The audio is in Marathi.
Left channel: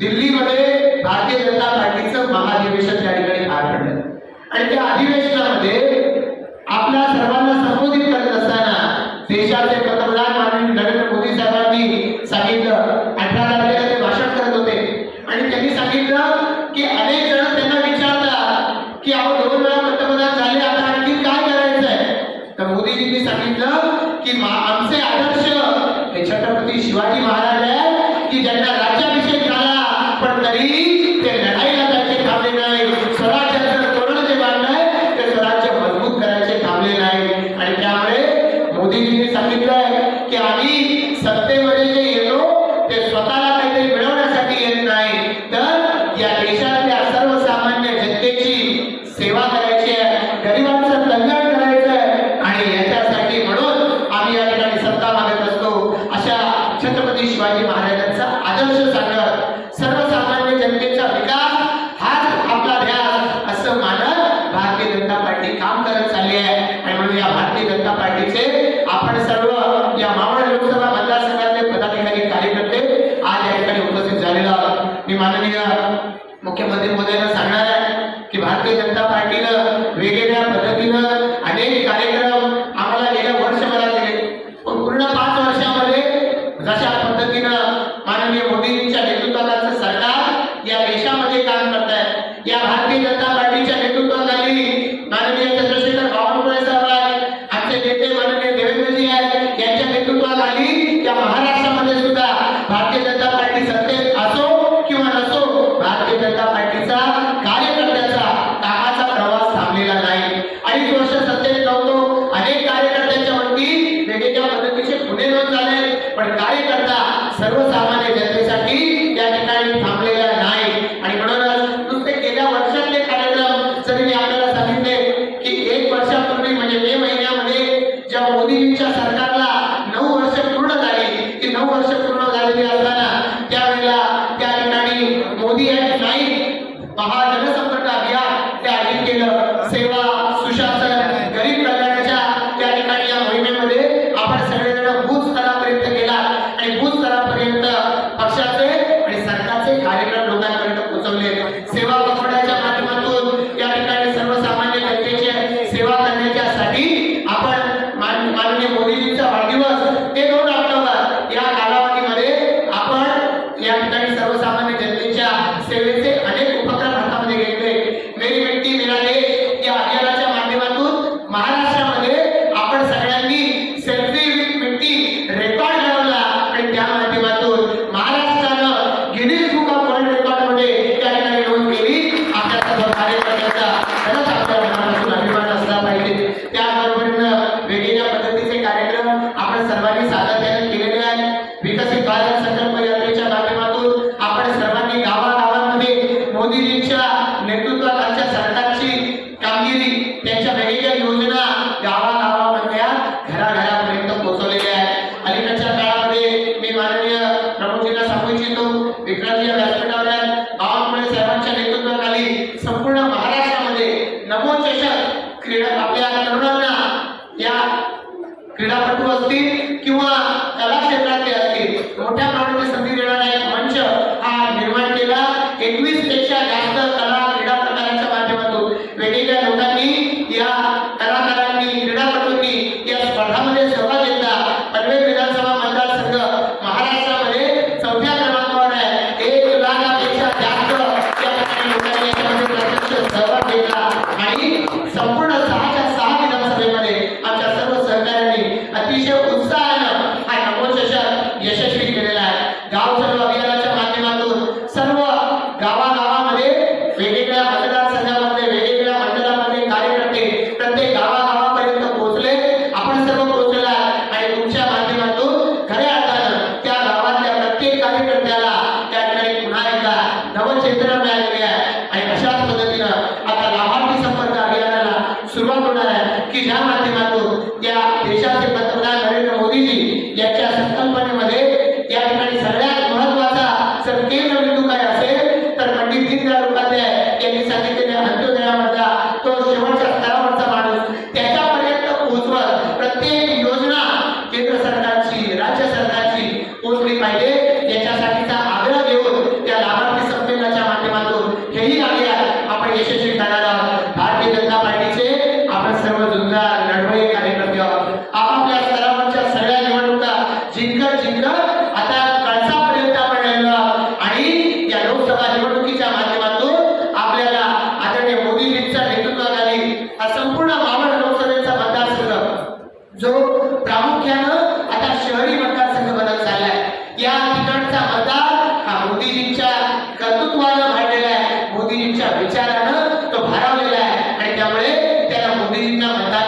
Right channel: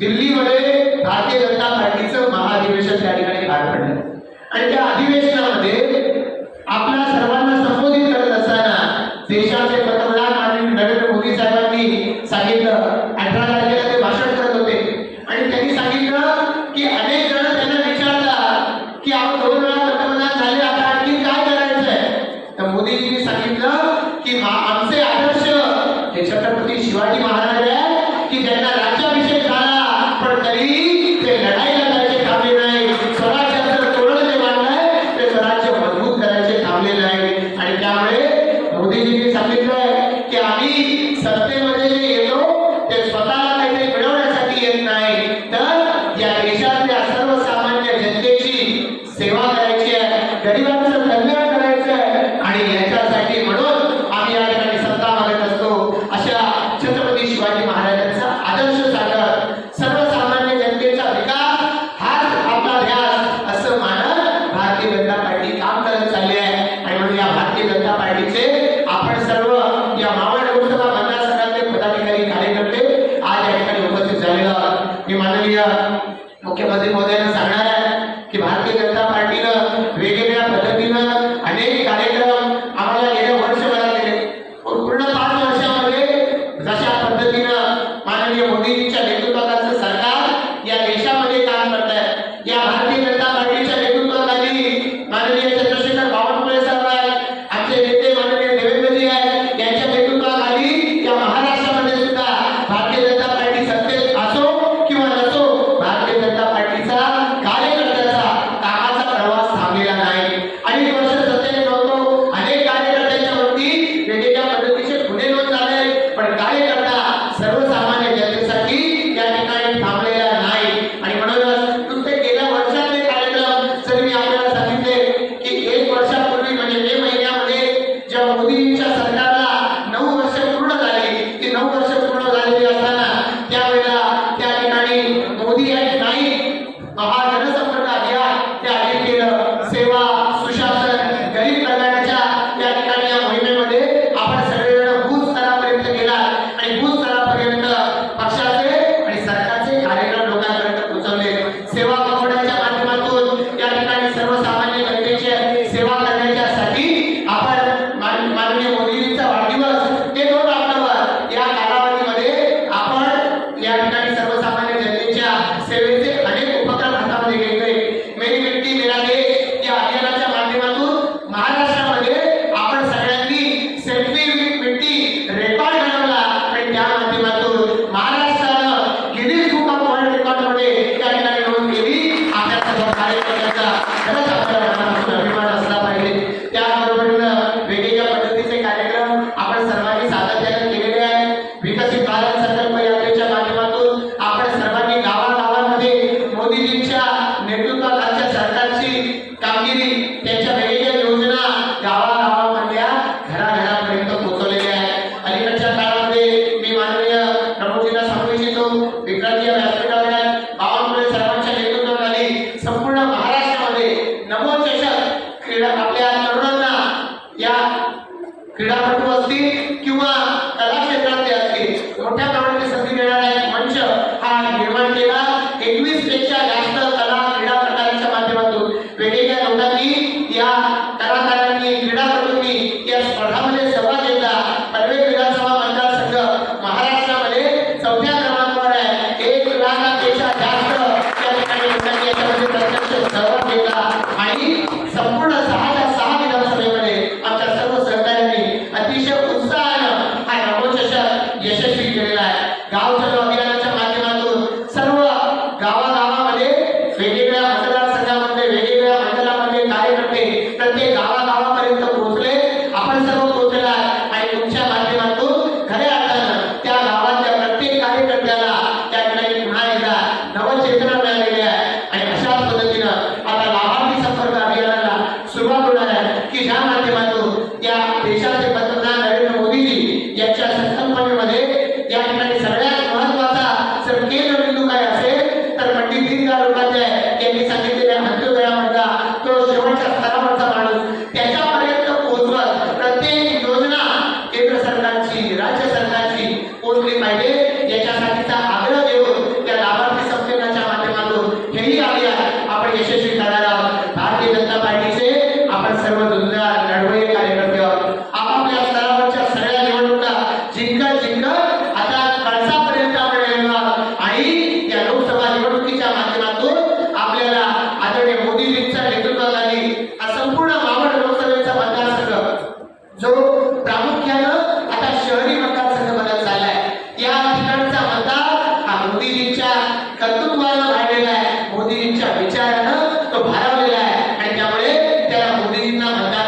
दिल्लीमध्ये भारतीय जनता पार्टीचं महाअधिवेशन त्या ठिकाणी पार पडलं. आणि त्या अधिवेशनामध्ये आपल्या सर्वांना संबोधित करत असताना देशाचे पंतप्रधान माननीय नरेंद्र मोदी साहेबांनी सांगितलं अठरा तारखेला ते भाषण करत होते. आणि त्यांनी सांगितलं की अनेक जण त्यांना विचारतात की अहो दोन वेळा पंतप्रधान झाले आता आणखी काय करायचं आहे तर मोदीजींनी सांगितलं की आमचे आदर्श हे छत्रपती शिवाजी महाराज आहे की त्यांना मोदीजींनी सांगितलंय की आम्ही सत्तेमध्ये जे येतो ते स्वतःला काहीतरी मिळवण्यासाठी येत नाही. तर या देशातल्या सर्वसामान्य जनतेची सेवा करायची आहे. गरिबांचं de নবীর বিশ্বাস असतील किंवा कला क्षेत्रात ते असतील मोठ्या प्रमाणात संधी देणारा एक मंच हा निर्माण केला. एकवीसपेक्षा जास्त कला क्रीडा प्रकारांच्या माध्यमातून. वेगवेगळ्या लोकांनी या कलाकारांनी क्रीडापटूंनी या स्पर्धामध्ये सहभाग घेतला. पनवेल विधानसभा मतदारसंघ महाराष्ट्रामध्ये चौथ्या क्रमांकावर आहे. एक लाखापेक्षा जास्त लोकांनी याच्यामध्ये प्रत्यक्ष सहभाग घेतला. आणि संपूर्ण जो प्रामुख्यानं आता शहरी मतदारसंघात झालाय या ठिकाणचा मतदार हा मोदीजींच्या कर्तृत्वानं भरलेला आहे. मोदीजींच्या विचारानं तो भारावलेला आहे. आणि त्यामुळे त्याला मोदीजींना मतदार